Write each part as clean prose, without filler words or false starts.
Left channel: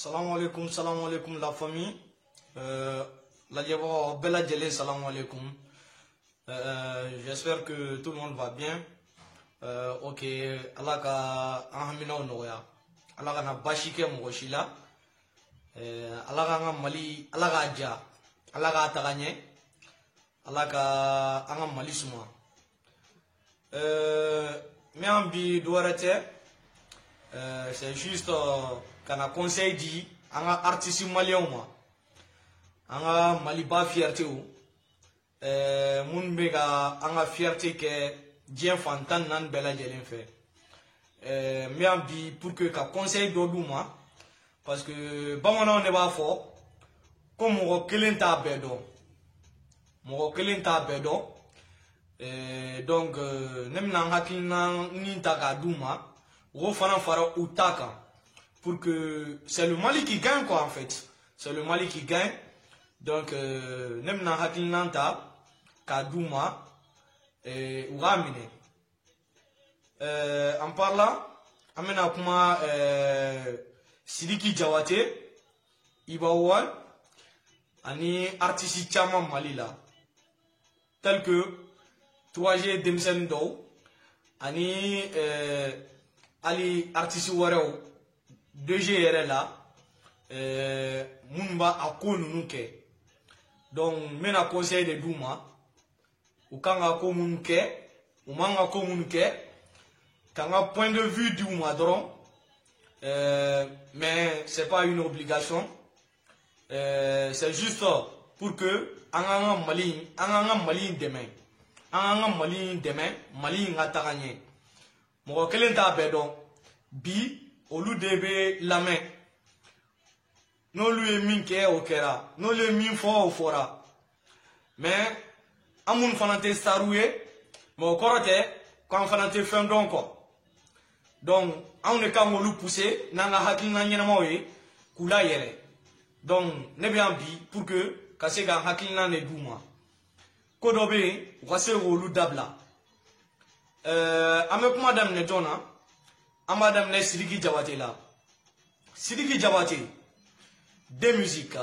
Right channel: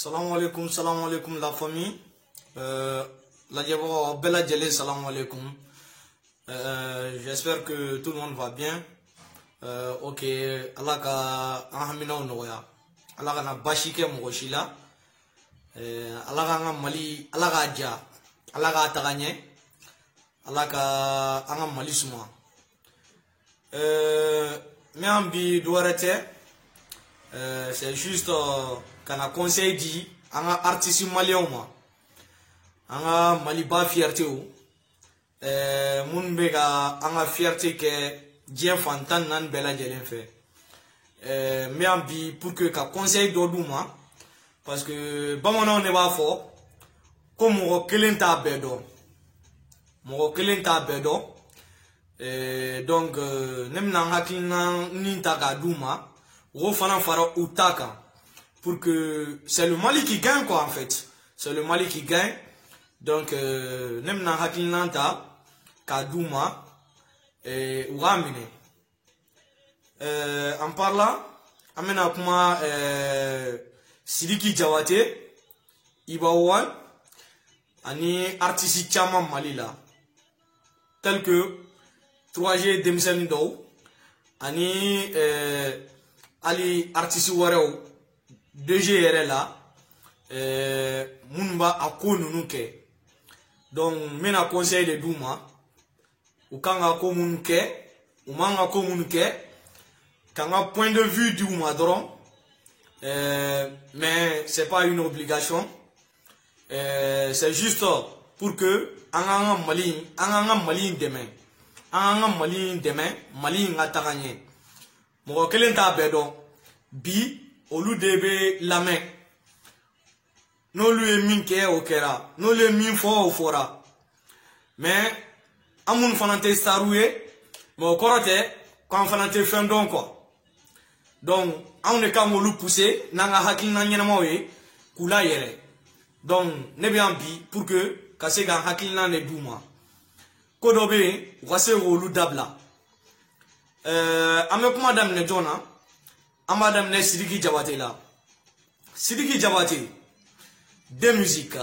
Salam alaikum la famille. La diabo bella djeli salam alaikum. J'espère que tout le monde va bien. Ok, Allah ka ahamina noya. Allah ka na bashike mogoshila. Allah ka mali, Allah ka ja, Allah ka tagagne. Allah ka anga mali suma. Mais ambi douarete. C'est juste qu'on a conseil dit à un artiste malien à un maliba fierté ou mon béga à fierté que Dieu fantan nan bella de l'enfer mais en bi pour que qu'un conseil d'Odouma parce que bon on ne va fort comme on kelenta bedo mon kelenta bedo donc nem na hakina ni taga douma pour que c'est le Mali qui gagne quoi en fait. C'est le Mali qui gagne. Donc nem na hakinanta Kadouma et Ouramine. En parlant, amena kuma Sidiki Diabaté, Ibaouan, ani artiste chama Mali là. Tel que 3G Demisen Dou, ani Ali artiste warao 2G là munba akonu nuke donc mena conseil de Douma ukanga ko munke umanga ko munke kanga point de vue Douma dron mais c'est pas une obligation c'est juste pour que anga mali demain mali ngataganye mo kelen ta bedon bi olu debe la main no lui minke okera no le min fo fora mais amun fanate staroué mo korote quand fanate fendon quoi donc on est comme lu pousser nanga hakina nyina mawe kula yere donc ne bien bi pour que kasega hakina ne Douma kodobe wase rolu dabla avec madame Nedjona, madame ne Sidiki Diabaté là. Sidiki Diabaté, de musique.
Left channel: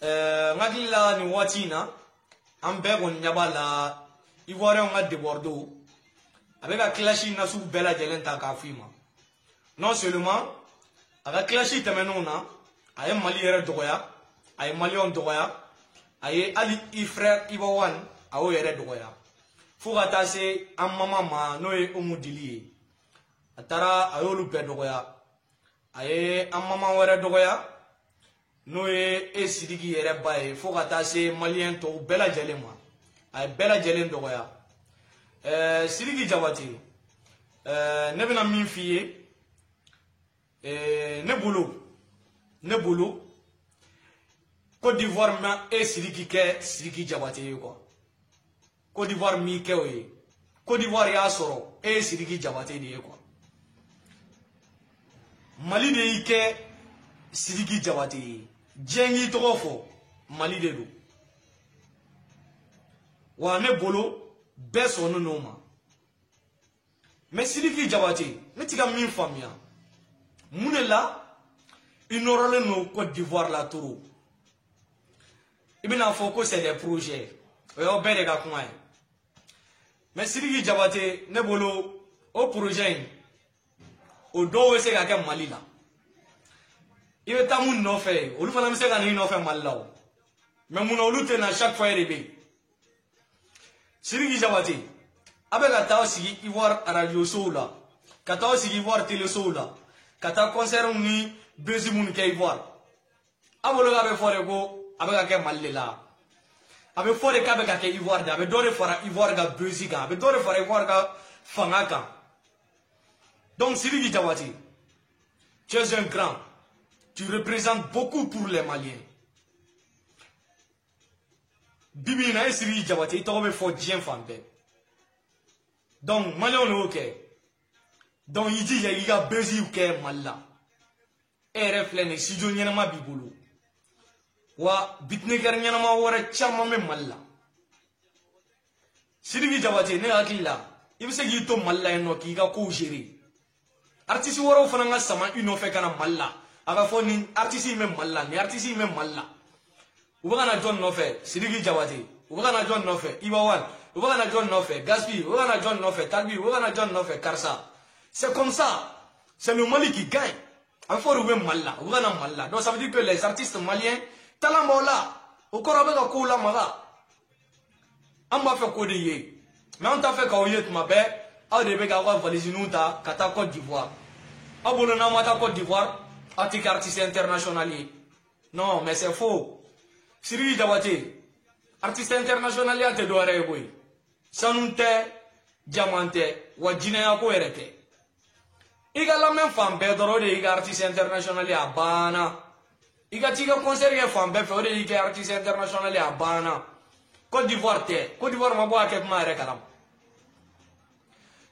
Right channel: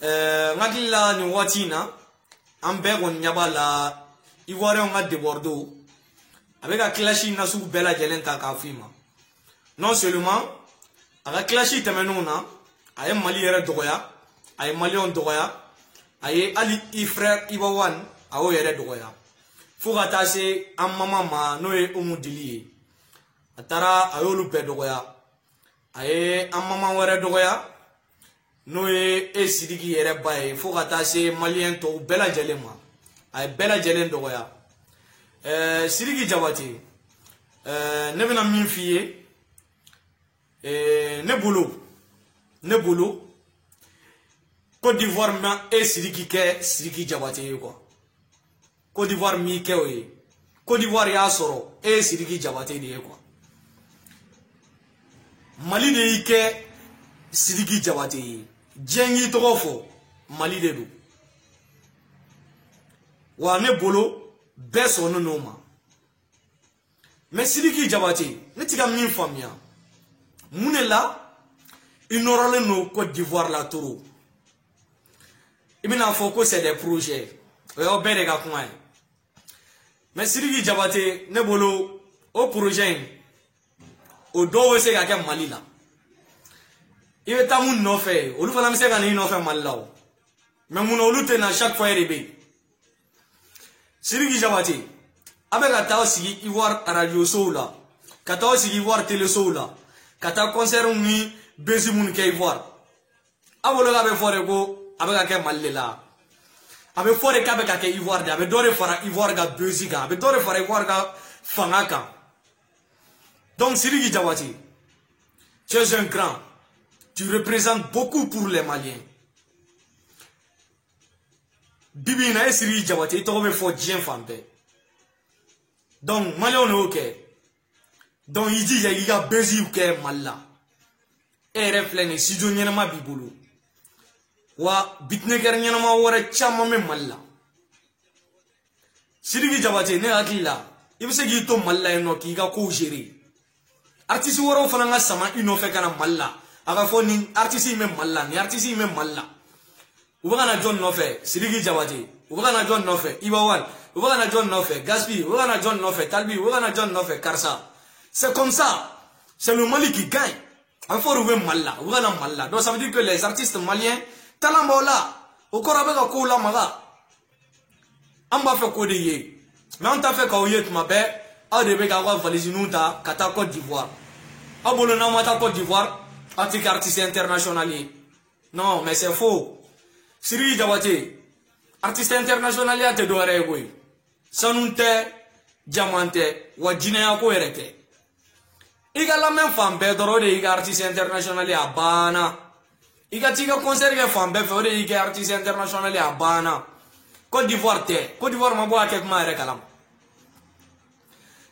Nagila ni watina, amber on nyabala, ivoire on a de Bordeaux. Avec la clashie na sous bella gelenta kafima. Non seulement, avec clashie temenona, aye mali yere doya, aye mali on doya, aye ali ifrère Ibawan, aye yere doya. Faut attacher à maman noé omudili atara ayolu pedoya aye à maman were doya noé et Sidiki yere baye faut attacher malien to bella jelema ay bella jelen doya Sidiki Diabaté ne bina min fiye ne boulot Côte d'Ivoire ma et Sidiki Diabaté quoi Côte d'Ivoire mi kewe Côte d'Ivoire ya soro et Sidiki Diabaté de quoi Mali de ike Sidiki Diabaté jengi tofo Mali de do wa ne bolo beso no noma mais Sidiki Diabaté ne tika min famia munela inorale no Côte d'Ivoire la toro ibina foko c'est des projets yo bere ga kuma mais Sidiki Diabaté ne bolo au projet o do we se ga ke Mali la il tamu no fait olu fana se ga ni no fait Mali la mais mun olu te na chaque fois rebe Sidiki Diabaté avec ata sigi Ivoire radio soula kata sigi Ivoire télé soula kata concert mi bezi mun ke Ivoire abolo ga be fore go avec ke Mali la avec fore ka be ka ke Ivoire de avec dore fara Ivoire ga beziga avec dore fara Ivoire ga fanaka donc Sidiki Diabaté tu es un grand tu représentes beaucoup pour les Maliens bibi na Sidiki Diabaté to be fo dien fambe donc Malion no ok donc il dit il y a bezi ou ke Malla et reflène si do nyena ma bibulu wa bitneker nyana ma wara chama me Malla Sidiki Diabaté ne akila ibse gi to Malla eno ki ga ko gérer artiste woro fana nga sama ino fe kana Malla aga fo ni artiste même malla ni artiste même malla ubana John Nofe Sidiki Jawate ubana John Nofe Ibawan ubana John Nofe Gaspi ubana John Nofe Talbi ubana John Nofe Karsa. C'est comme ça, c'est le Mali qui gagne. Il faut trouver malla ubana malla. Donc ça veut dire que les artistes maliens talambola au korabe ko la maga amba fait ko de yé mais on t'a fait ko yé ma be a de be ka wa valise nunta kata Côte d'Ivoire abolo na mata Côte d'Ivoire artiste international. Non mais c'est faux. Sidiki Jawate artiste international ya te do re boy sanunte diamante wa jineya ko erete iga la même femme be doro de iga artiste international ya bana iga tiga concert ke femme be fore iga artiste international ya bana Côte d'Ivoire ma bo aket ma re kalam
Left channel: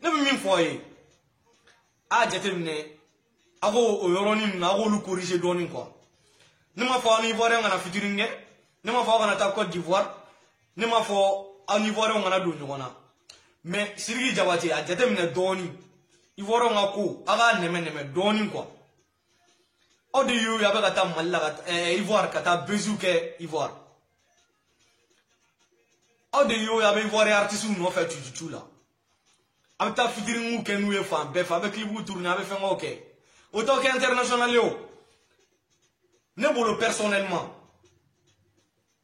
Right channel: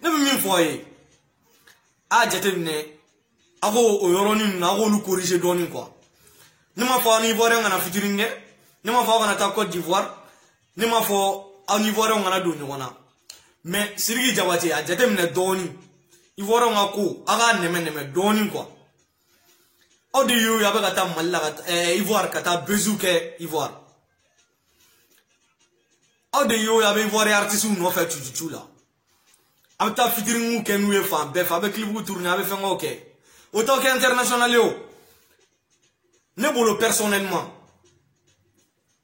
même min foye a jatene ago oyoroni na go lu corriger doni quoi nima fo ni Ivoire ngana featuring nima fo ngana ta Côte d'Ivoire nima fo en Ivoire ngana do nyona mais Sidiki Jawate a jatene doni Ivoire ngako aga neme doni quoi odi yo ya ba ta malla Ivoire kata bezuke Ivoire odi yo ya ba Ivoire artiste no fait tutu là anta featuring ke nou e fam be fa be clip ou tourner avec fait OK autant qu'international yo ne bolo personnellement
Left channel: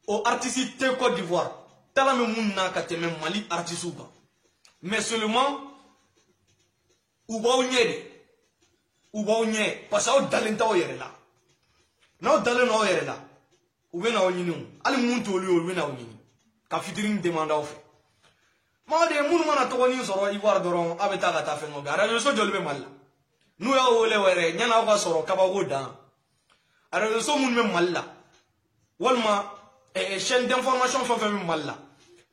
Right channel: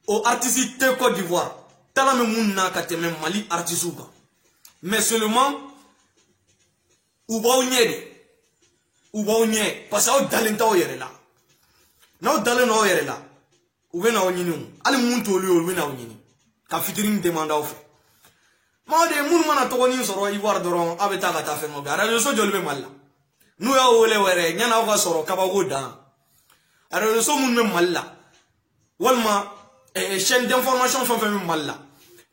au artiste de Côte d'Ivoire tala me munna kateme Mali artiste ba mais seulement ou ba onye parce que dalenta o yere la na dalena o yere la ou be na onyini ali mun to li o be na onyini ka featuring demanda o fe ma de mun mana to ni soro Ivoire doron abeta ka ta fe mo gara yo so jolbe malla nu ya wole were nyana o ka soro ka ba go dan ara yo so mun me malla walma chaîne d'information fa fe me malla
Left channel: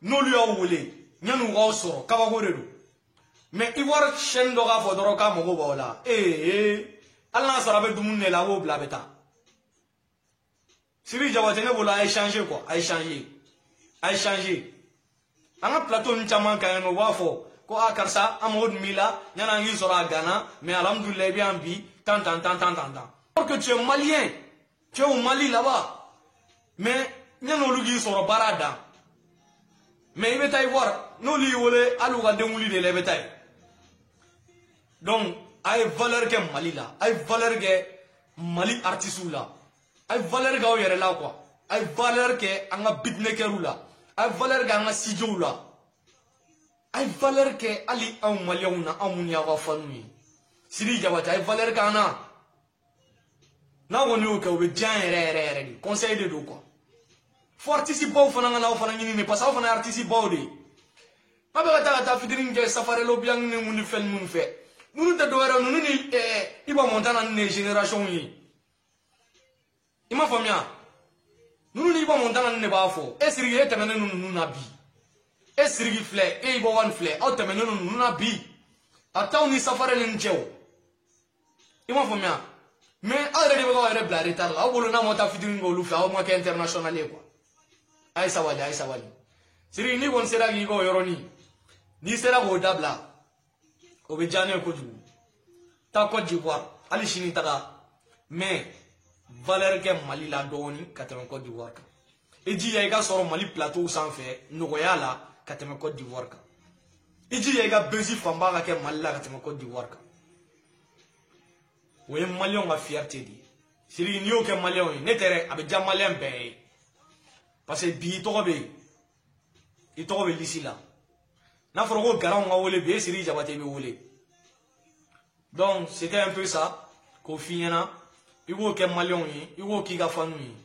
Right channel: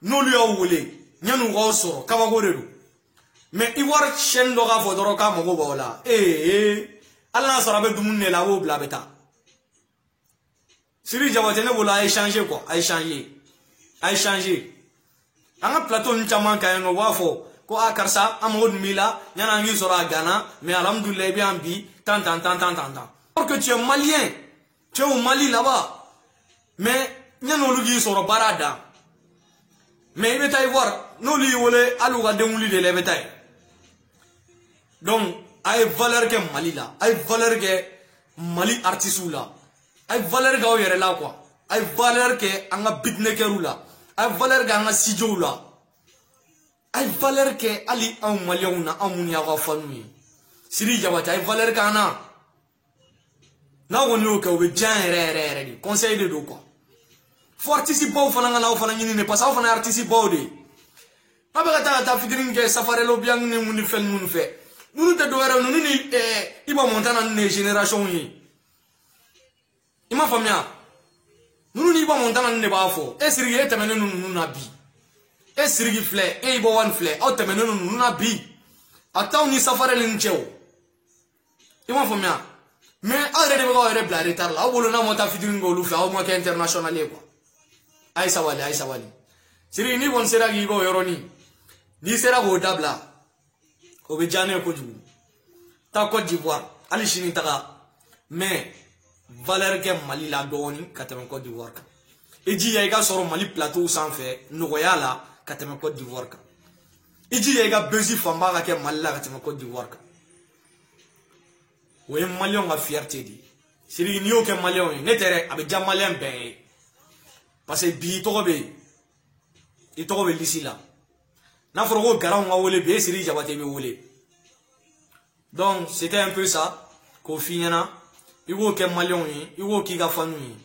no lu ya wole nyanu go soro ka ba go redu mais Ivoire chaîne do ka fo doro ka mo go bola Allah sara be dumun ne la wo bla beta Sidiki Jawate ne bola échanger quoi échanger anga plateau ni chama ka no wafo ko akarsa amod mila nyana ngi sora Ghana mais alhamdoulilah bien bi tant parce que tu es malien tu es au Mali là-bas mais nyano lugi soro barada mais il est Ivoire no li wole alu ga demuli de le betaille donc ay valeur que Mali là ay valeur que Mali artiste là ay valeur ga o yere là quoi ay valeur que anga beatmaker là ay valeur ga anga studio là ay valeur que ali en Malien na amuni ya fanu Sidiki Jawate ay valeur ka na woni o ka o be jan re di conseil de do quoi faut artiste bo fana na o fana ni ne pas o fana artiste bo de aba ta featuring ke safari lo bien ni mun fel mun fe nous te doit nous ni iba montana ni génération yi ima famia nous ni iba montana ni ba fo esiri e temene nous na bi esiri flé e iba one flé o temene nous na bi ata ni safari ni ncheo ima famia mais already we go bla retard là o bolo na monta featuring go lu fa o mo ke international e quoi ay sawali siri ni bon sera gi go yoroni ni sera go dabla o be jane ko ju ta Côte d'Ivoire ali shini taka mais valeur que Mali la doni kateme Côte d'Ivoire ka eji ya ga soro Mali plateau sans fait nogoya la kateme Côte d'Ivoire ka eji ya ga bezi famba ka ke Mali la kateme Côte d'Ivoire ka we Malion a fierté di siri ni o ke Malion ne tere abe jam Malien be parce que bi to be lisi la na forogo garan wa wole be Sidiki Jawate be wole donc c'était un peu ça ko finyana iwo ke Malion yi iwo ki ga fanu yi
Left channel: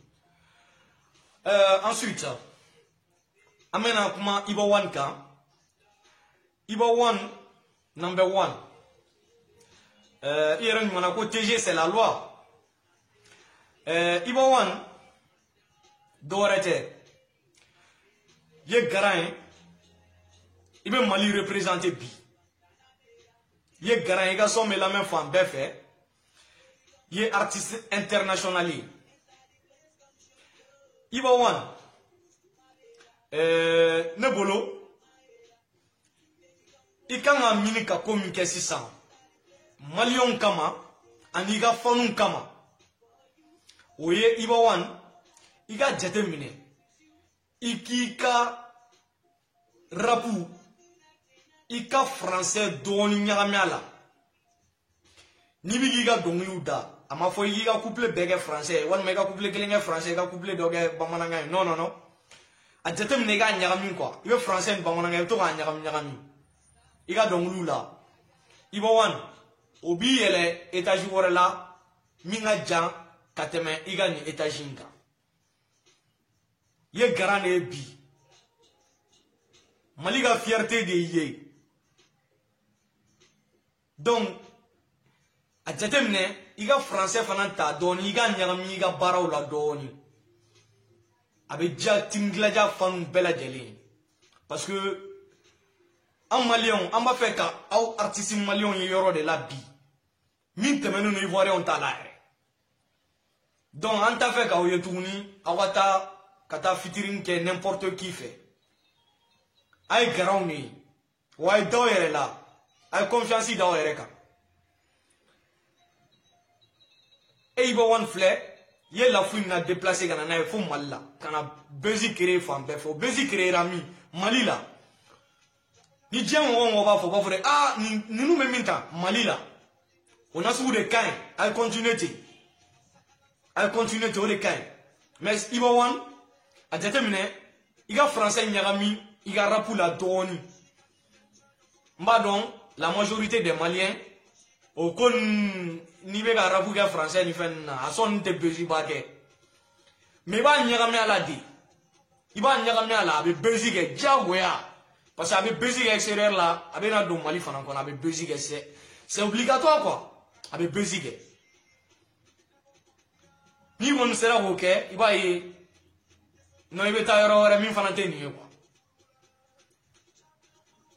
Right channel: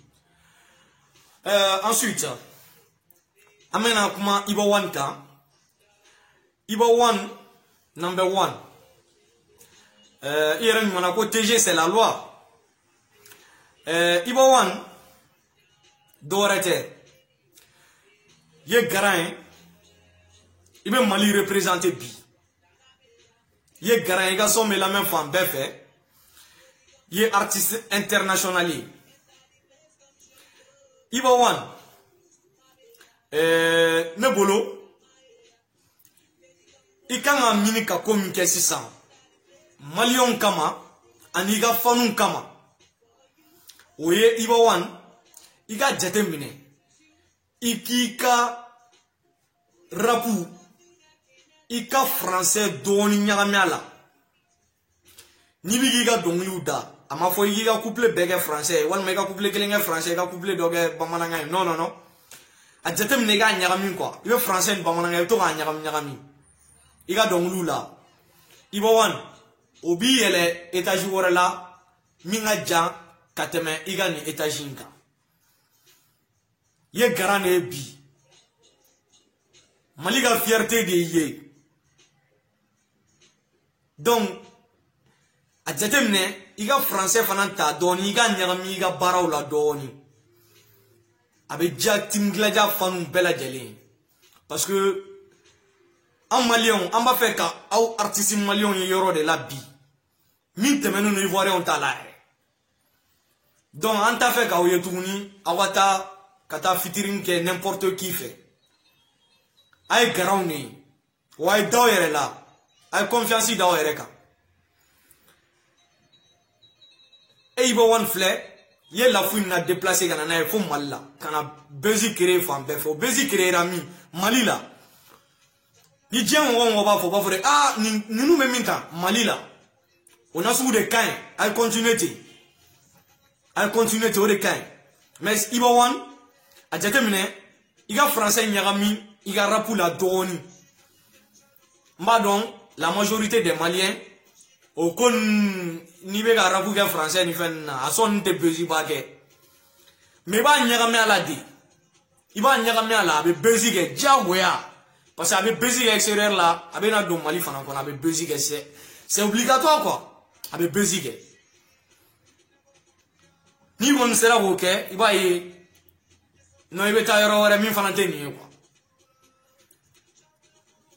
ensuite amena kuma Iba One ka Iba One number 1 iren mona ko TG c'est la loi Iba One dorete ye garan il be Mali représenter bi ye garan ga so me la même femme be fait ye artiste international Iba One ne bolo ikanga mini ka communiquer 600 Malion kama aniga fanun kama oye iba wan iga jate mine ikika rapu ika français doni nyagamiala ni bi giga dongli da ama fo giga couple bege français wan mega couple kelinga français ga couple doge bamananga non a jate mine ga nyagami quoi ibe français bamananga to ga nyagami iga donglu la iba wan obi ele étage wora la minga jan kateme iga ni étage inka ye garane bi maliga fierté de ye donc a jatemne iga français fana ta doni iga nyagami iga baraw la doni abe ja timglaja fanu bela jeli parce que en malion en ba fait ka au artiste malion yoro de la bi min temenu no ivoirien ta la donc en ta fait ka o yetuni awata kata fitirin ke n'importe qui fait ay garauni way doyere la ay confiance dans ereka e ibo wan flé ye la fouine na déplacer kana na fo malla kana bezi créer fam be fo bezi créer rami malila ni dien on va fo ba ah ni nous même minta malila on a sous des cains ay continuer to de cains mais ibo wan a jatemine iga français nyagami iga rapu la doni madon la majorité des maliens au kon ni be ga rapu ga français ni fenna a son te bezi bage mais ba nyagami ala di iba nyagami ala be bezi ge jawoya parce que avec bezi extérieur là avec na do mali fana kon avec bezi ge c'est obligatoire quoi avec bezi ge ni on sera OK iba yi no ibe ta yoro wara min fana te ni quoi.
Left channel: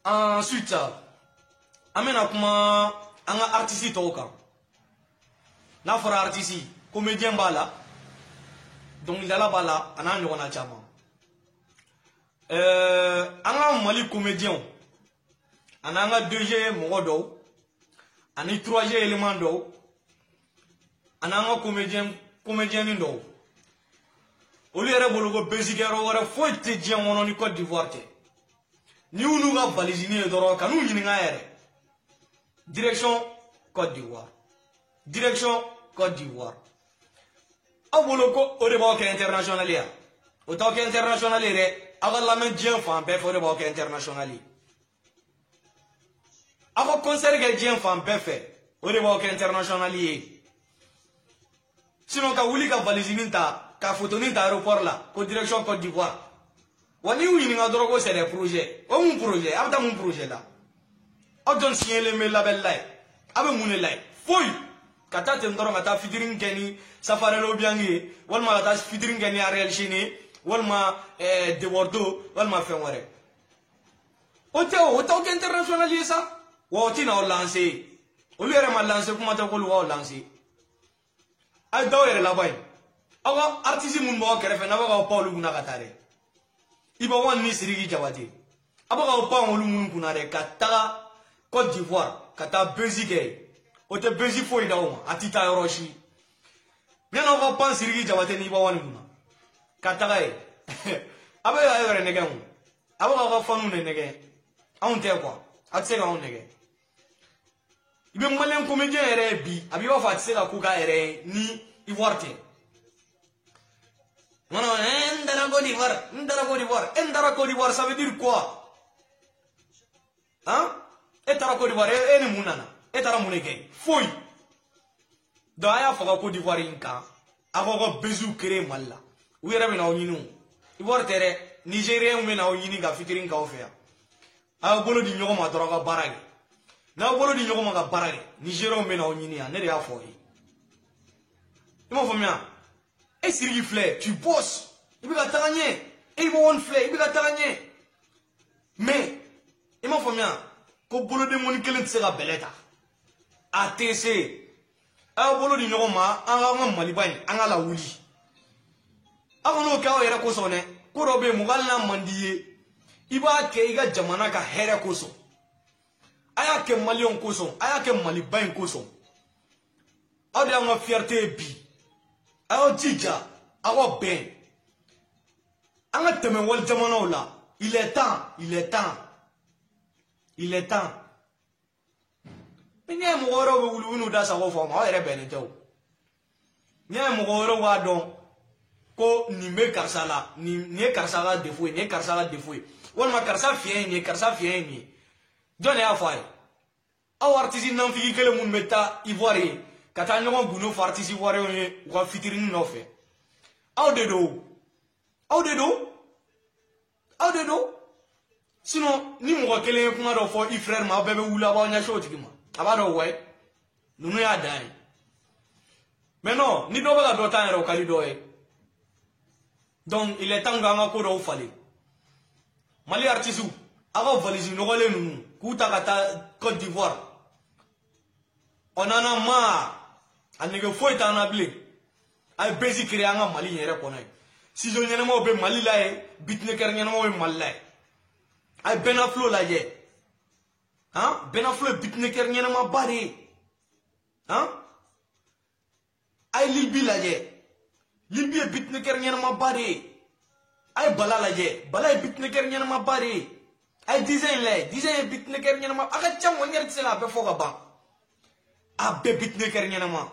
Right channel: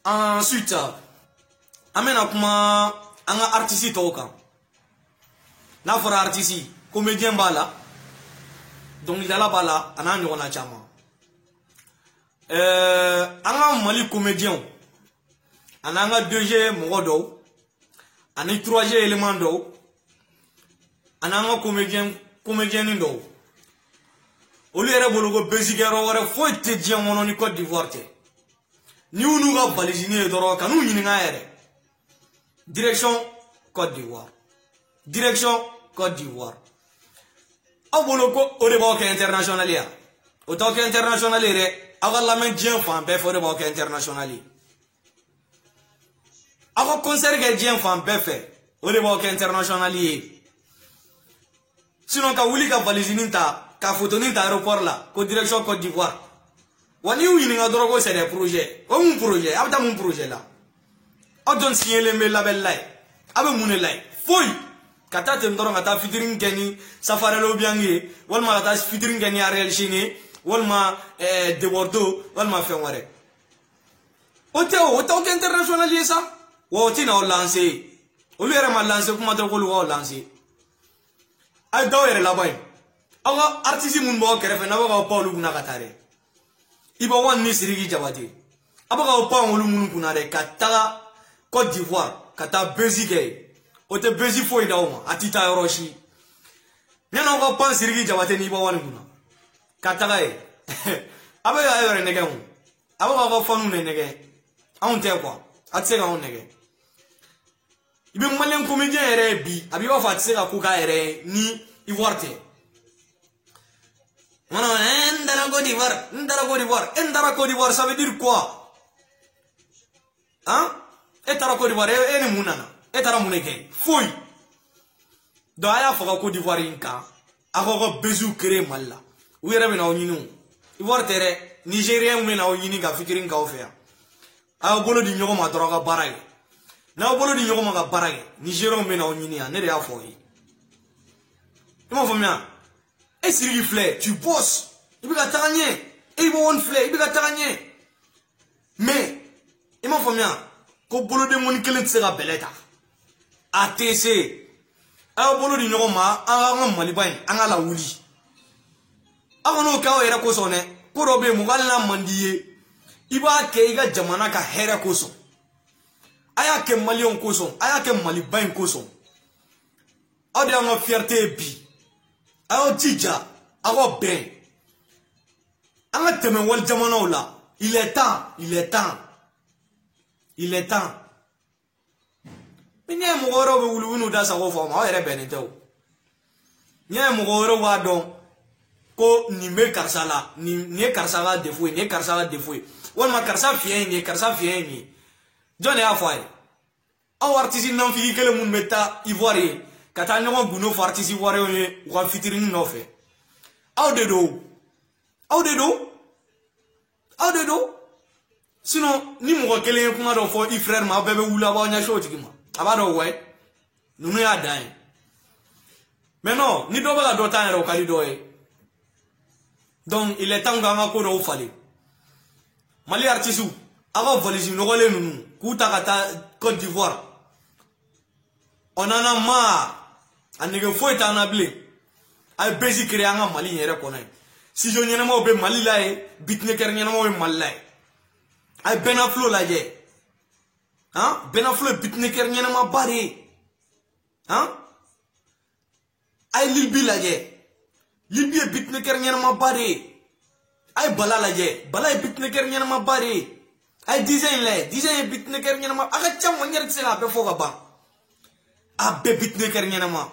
Ensuite, amena kuma anga artiste toka. Na fora artiste, comédien bala. Donc il a la bala, ana nyona chama. Anga mali comédien. Anga 2G mogodo. Ani 3G élément do. Anga comédien ndo. Oli era bologo basic ero wara foi te dia mono ni Côte d'Ivoire te. Ni unu ga balisini doro kanu nyini nga ere. Direction Côte d'Ivoire. Direction Côte d'Ivoire. Abologo o de banque internationale ya. O tanke international ere aga la men dien fan be fo de banque internationale. Aga concert ga dien fan be fe o de banque internationale. Sinon ka wuli ga balisini ta ka photo ni ta aéroport là ko direction Côte d'Ivoire wali yu ni nga drogo c'est des projets o mon projet abta mon projet là o don signer le mail label là abe mun là foy kata te ndoro kata fitirin geni safari lo biangi wal ma kata fitirin geni Ariel Chine wal ma de Bordeaux wal ma fe ware o te international yesa wo ti na lancer o lui era ma lancer kuma to ko lo lancer ay dawere la bay awa artiste mun bo kere fe na ba Paul guna katare iba wan ni sirigi jabati aba ka Paul mun kuna de kata Côte d'Ivoire kata bezige o te bezi foi dauma atita yoroshi yana ko pan sirigi jabati ni iba wan kuna kata gai aba ya yore nege mu aba ka fanu ne nege on te quoi atse ga on nege ibe malen comédien ere bi abi ba fa tse ga kuka ere ni Ivoire te. Non, Ndara Côte d'Ivoire, ça veut dire quoi? Hein? Et Tara Côte d'Ivoire, et les mounana, et Tara Mouneke, fouille. Dans la Côte d'Ivoire, inka, avoir besoin de créer mal là. Oui, il y a un oignon. Ivoire terre, Nigérien, mais un oignon qui a fait un café. A bolo di nyoko ma droga barage. Na bolo di nyoko ma barage. Nigérien, mais un oignon, ne rien fouille. Comment faut bien? Et si il flait, tu bosses. Il va t'arranger. Et il va on flait, il va t'arranger. Mais, il m'a fait bien. Quand bolo de mon kelent sera beleta. ATC. A bolo di norma, a malibain, a la wuli. A no kawa era kosone. Korobe mugala mandiye. Iba ke iga jamana ka hera koso. Aya ke malion koso. Aya ke malibain koso. A de a fierté bi. ayo jija ago ben anga teme wal jamana la il est temps Nye mugoro be wulu da sa go fa ma ere benete o nye mugoro wa don ko ni me karsala ni karsala defo wala karsa fien ni jone afai aw artiste non fi kele mun meta ivoire kata nyon buno for artiste ivoire wa fitiring no fe aw de do sinon ni mo kele kuma do fo i frère ma bebe wula ba nya show tigima abado we nunu ya dan mais non ni do ba do tan ro kali do e donc il est temps nga ko do fali mali artiste ava valise no gole nunu kuta kata Côte d'Ivoire on en a marre anige foi ta na blé ay basic créer nga mali yere ko nay si je nyene mo be mali la e bitneker nyene mo be mali la ay benaflo la je hein benaflo bitneker nyene ma bari hein ay lilbi la je lilbi bitneker nyene ma bari ay bala la je bala bitneker nyene ma bari ay design bitneker nyene ma aga cham wonyer tsela be foga ba abbe bitneker nyene ma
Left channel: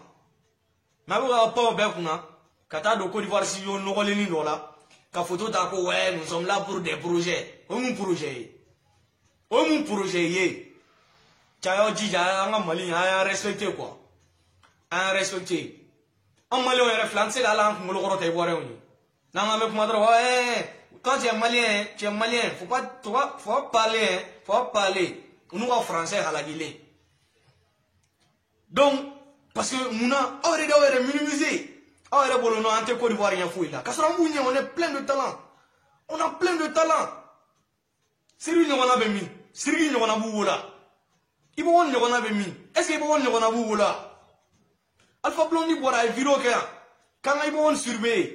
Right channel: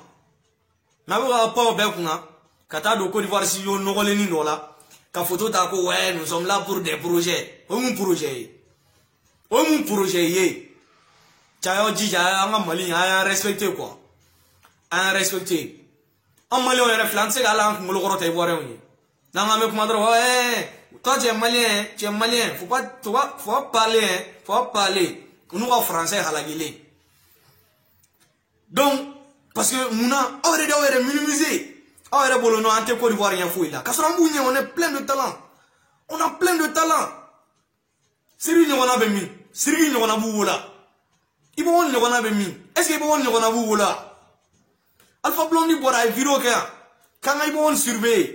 na ba pa be kuna kata do Côte d'Ivoire si yo nogole ni dola ka photo ta ko ouais nous sommes là pour des projets un projet ye chayo jija nga mali a respecté quoi a respecté en mali on référence ala ngolo goro tay boire oni na nga me kuma dro toi tu es malien faut parler nous en français à la guilée donc parce que muna aurait minimiser aurait bolono ante Côte d'Ivoire rien fouille là kasra mounya on est plein de talent Siri nyona be mi siri nyona buwola ibo won nyona be mi est-ce que ibo won nyona buwola Alpha Blondy bora vidéo ka kanga ibo won surveiller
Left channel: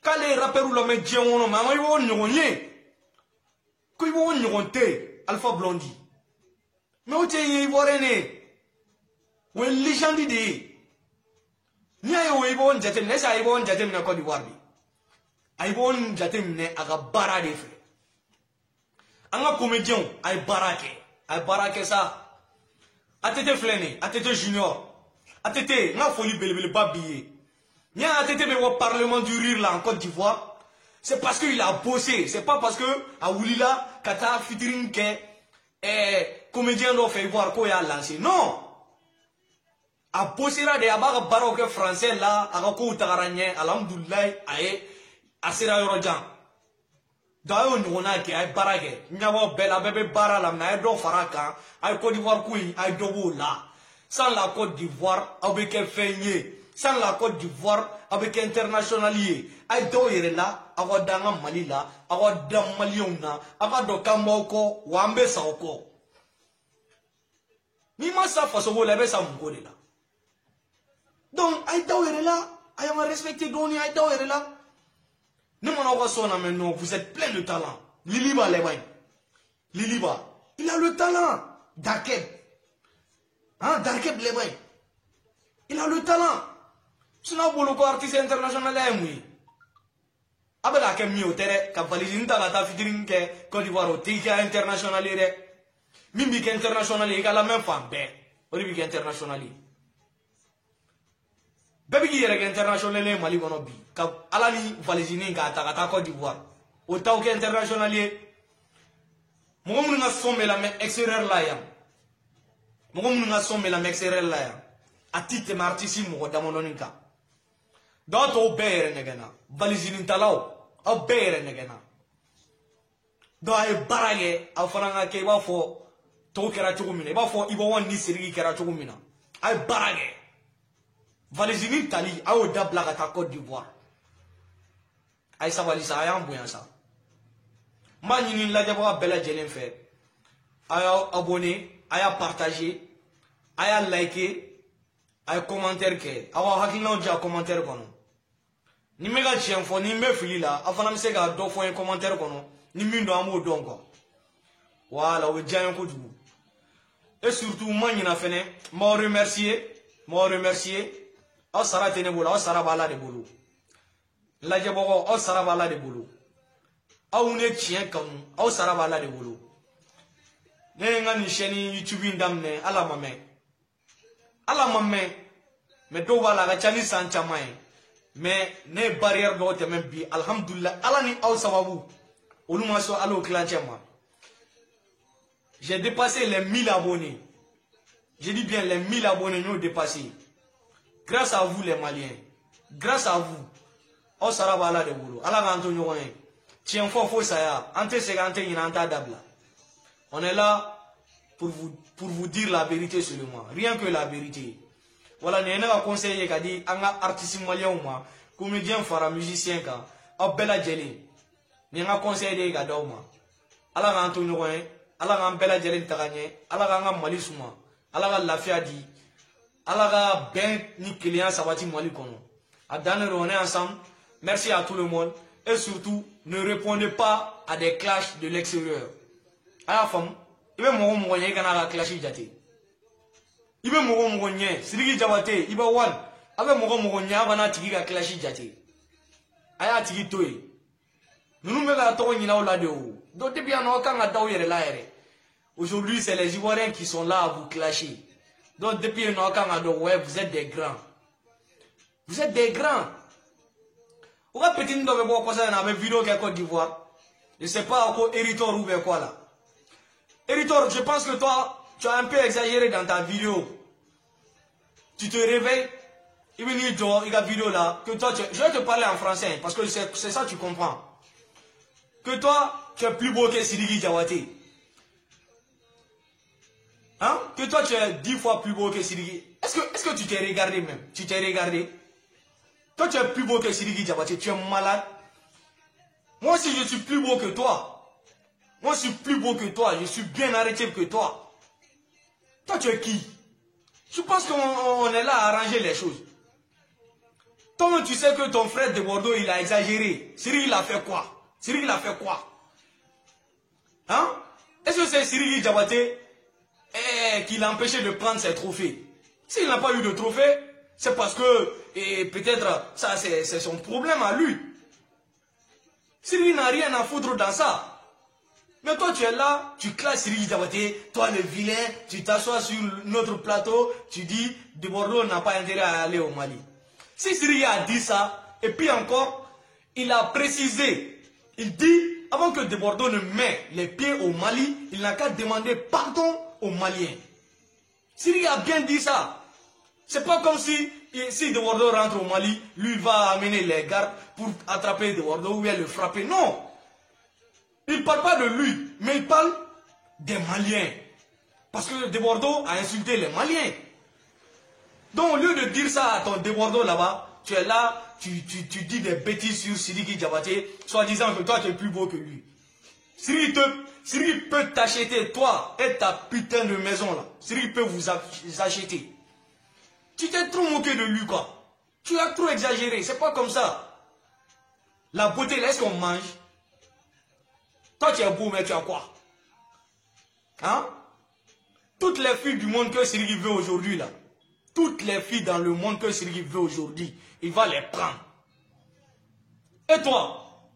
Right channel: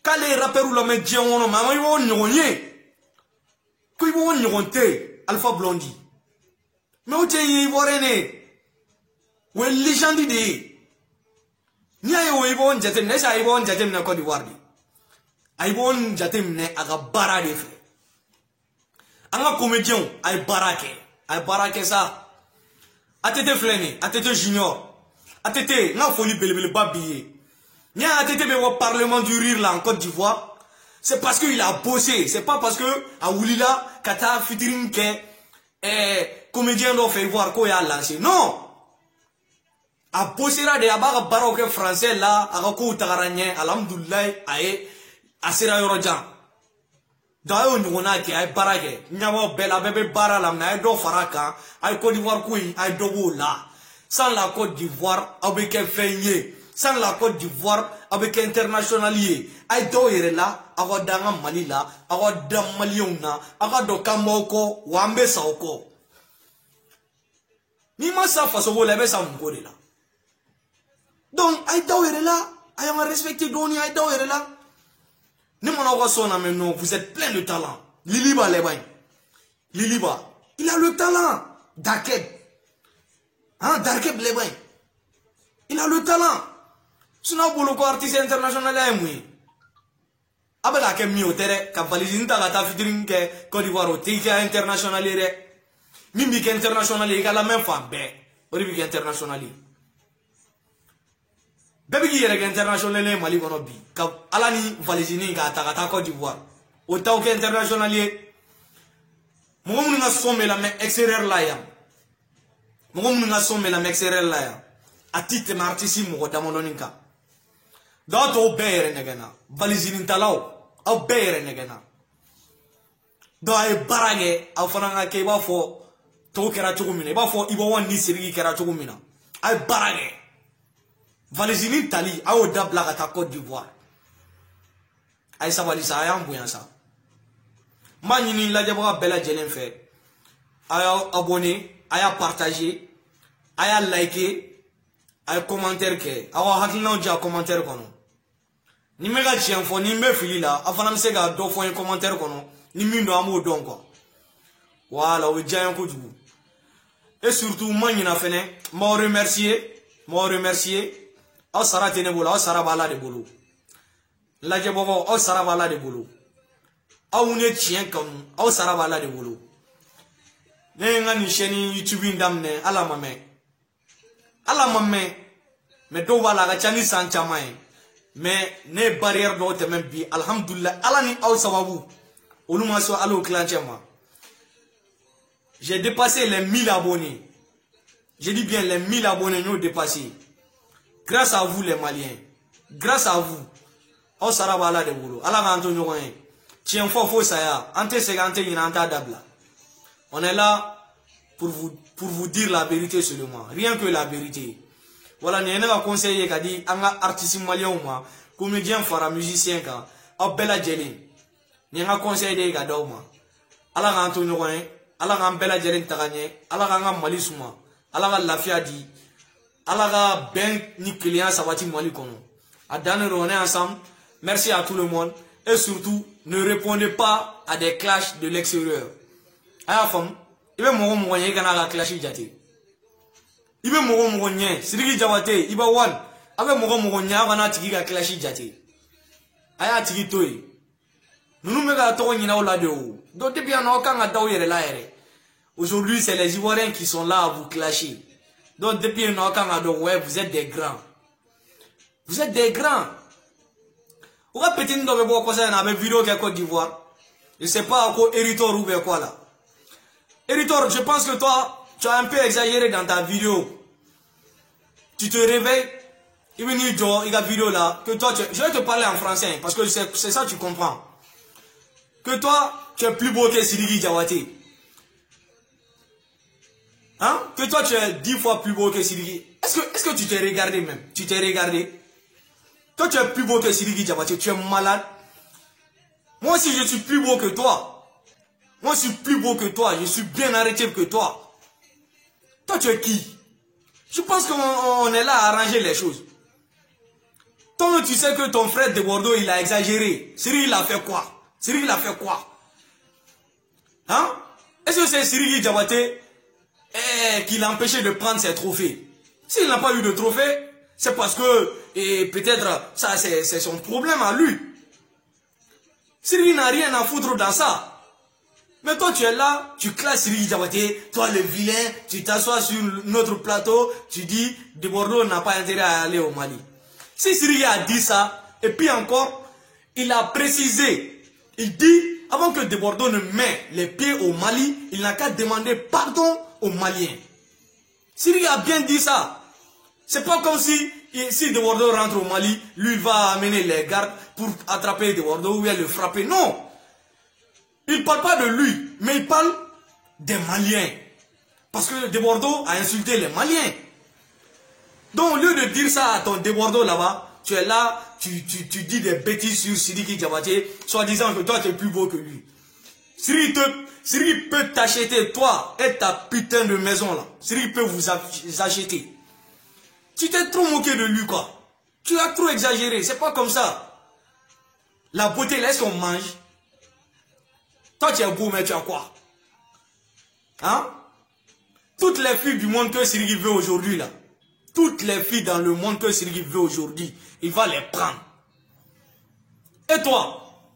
kale rapper ou la me dien wono ma ibo won nyonye ko ibo won nyonte Alpha Blondy mais o te iborene we légende de ni ayo ibo won jatem ne sa ibo won jatem na Côte d'Ivoire di ibo won jatem ne aga bara de fe anga comédien ay barake ça atete fleni atete junior atete na folie belebele babiye ni atete be au parlement du rire là en Côte d'Ivoire c'est parce qu'il a bossé c'est pas parce que a wulila kata fitiring ke comédien do fait voir ko ya lancé non a bossé là de abara baroque français là aga ko tagaranye alhamdulillah ay asira yorojan dayo nyona ke ay barake nyawo bela bebe bara la na do faraka ay Côte d'Ivoire kui ay dobo la sans la Côte d'Ivoire avec un feigné sans la Côte d'Ivoire avec internationalier ay do yere la awa danga mali la awa dam maliona awa do kamoko wambe saoko ni ma sa faso bo lebe sa mbore la donc ay do yere la ay ma respecter doni ay do yere la ne m'en sonna mais non, vous êtes plein de talent. Liliba Liliba, il a le talent. Darkeb. Hein, Darkeb Lebain. Il a le talent. Tu n'as pas le artiste international là, oui. Abela ke mi otere, ka valise nta ta fitiring ke Côte d'Ivoire o te international ere. Mimi ke international e la même fois be. Ori bi international. Bébé qui est international Mali kono bi ka alani valisini ka ta Côte d'Ivoire o taw ke international ye mo mun nga somme la mais extérieur la ya mo mun nga somme la mais extérieur la ya atite martisi mo damoloninka doto bere negena valisini talaw aw bere negena do ay barage aw fananga ke ba fo to kera chugumina ba fo ibo won ni sirigi kera chugumina ay barage Valésini Tali a au dabla à Côte d'Ivoire. Aïe ça va lisa aïe bouillant ça. Manini la diabora bella jelen fait. Aïe abonné, aïe partagé, aïe liké, aïe commentaire que. Aïe hakina déjà commentaire kono. Ni mega chien fo ni me fili là. Afana msega do fo un commentaire kono. Ni mindo amo don quoi. Voilà oui déjà un coup du bout. Et surtout manina fene, m'en remercier. aw sara tɛ ne bolo aw sara b'Ala de bolo lajɛbagaw aw sara b'Ala de bolo aw ye tiɲɛ kanu aw sara b'Ala de bolo ne ye n ka nin chaîne YouTube in daminɛ Ala ma mɛn mais dɔw b'a la a ka ca ni san caman ye mais ne ye barrière dɔw tɛmɛ bi alhamdulillah Ala ni aw sababu olu ma sɔn hali o kilancɛ ma j'ai dépassé les 1000 abonnés je dis bien les 1000 abonnés n'ont dépassé grâce à vous les Maliens grâce à vous aw sara b'Ala de bolo Ala k'an to ɲɔgɔn ye tiɲɛ fɔ fo saya an tɛ segin an tɛ ɲinɛ an t'a dabila on est là pour vous dire la vérité seulement rien que la vérité voilà nin ye ne ka conseil ye ka di an ka artistes maliens ma comédien fara musicien kan aw bɛɛ lajɛlen nin ye n ka conseil de ye ka d'aw ma Ala k'an to ɲɔgɔn ye Ala k'an bɛɛ lajɛlen taga ɲɛ Ala k'an ka Mali suma Ala ka lafiya di Ala ka bɛn ni kelenya sabati Mali kɔnɔ a dan de don on est ensemble merci à tout le monde et surtout ne répondez pas à des clashs de l'extérieur a y'a faamu i bɛ mɔgɔ mɔgɔ ɲɛ i kana a ka clash jate i bɛ mɔgɔ mɔgɔ ɲɛ Sidiki Jabate i bɛ wali a bɛ mɔgɔ mɔgɔ ɲɛ a kana tigi ka clash jate a y'a tigi to yen ninnu bɛ ka tɔgɔ ɲinɛ aw la de o donc depuis yan nɔ aw kan ka da aw yɛrɛ la yɛrɛ aujourd'hui c'est les Ivoiriens qui sont là à vous clasher donc depuis yan nɔ aw kan ka dɔn ouais vous êtes des grands o ka petit dɔ bɛ bɔ kɔsa in na a bɛ vidéo kɛ Côte d'Ivoire je sais pas ko Eritor ou bien quoi là Eritor, je pense que toi, tu as un peu exagéré dans ta vidéo. Tu te réveilles, il va dire il y a une vidéo là, que toi, je vais te parler en français, parce que c'est ça que tu comprends. Que toi, tu es plus beau que Sidiki Jabate. Hein? Que toi, tu es 10 fois plus beau que Sidiki. Est-ce que tu t'es regardé même? Tu t'es regardé? Toi, tu es plus beau que Sidiki Jabate, tu es malade. Moi aussi, je suis plus beau que toi. Moi, je suis plus beau que toi. Je suis bien arrêté que toi. Toi, tu es qui? Je pense qu'on est là à arranger les choses. Toi, tu sais que ton frère de Bordeaux, il a exagéré. Sidiki, il a fait quoi? Sidiki, il a fait quoi? Hein? Est-ce que c'est Sidiki Jabate qui l'a empêché de prendre ses trophées? S'il n'a pas eu de trophée, c'est parce que peut-être ça c'est son problème à lui. Sidiki n'a rien à foutre dans ça. Mais toi, tu es là, tu classes Sidiki Jabate, toi le vilain, tu t'assois sur notre plateau, tu dis, de Bordeaux n'a pas intérêt à aller au Mali. Si Sidiki a dit ça, et puis encore, il a précisé, il dit, avant que de Bordeaux ne mette les pieds au Mali, il n'a qu'à demander pardon aux Maliens. Sidiki a bien dit ça. C'est pas comme si de Bordeaux rentre au Mali, lui il va amener les gardes pour attraper de Bordeaux ou bien le frapper. Non! Il ne parle pas de lui, mais il parle des Maliens. Parce que de Bordeaux a insulté les Maliens. Donc au lieu de dire ça à ton de Bordeaux là-bas, tu es là, tu dis des bêtises sur Sidiki Jabate, soit disant que toi tu es plus beau que lui. Sidiki peut t'acheter, toi et ta putain de maison là. Sidiki peut vous acheter. Tu t'es trop moqué de lui quoi. Tu as trop exagéré, c'est pas comme ça. La beauté, là, est-ce qu'on mange? Toi, tu es beau, mais tu as quoi? Hein? Toutes les filles du monde que Sidiki veut aujourd'hui, là, toutes les filles dans le monde que Sidiki veut aujourd'hui, il va les prendre. Et toi?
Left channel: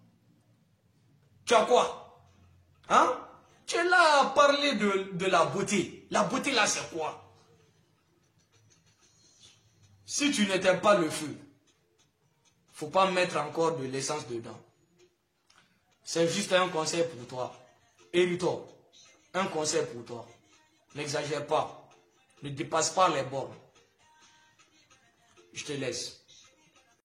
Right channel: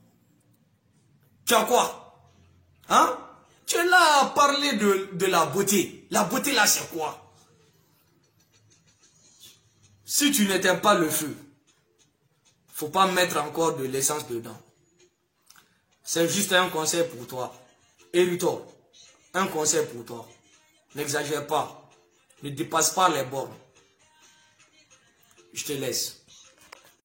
Tu as quoi? Hein? Tu es là à parler de la beauté. La beauté, là, c'est quoi? Si tu n'éteins pas le feu, faut pas mettre encore de l'essence dedans. C'est juste un conseil pour toi. Eritor, un conseil pour toi. N'exagère pas. Ne dépasse pas les bornes. Je te laisse.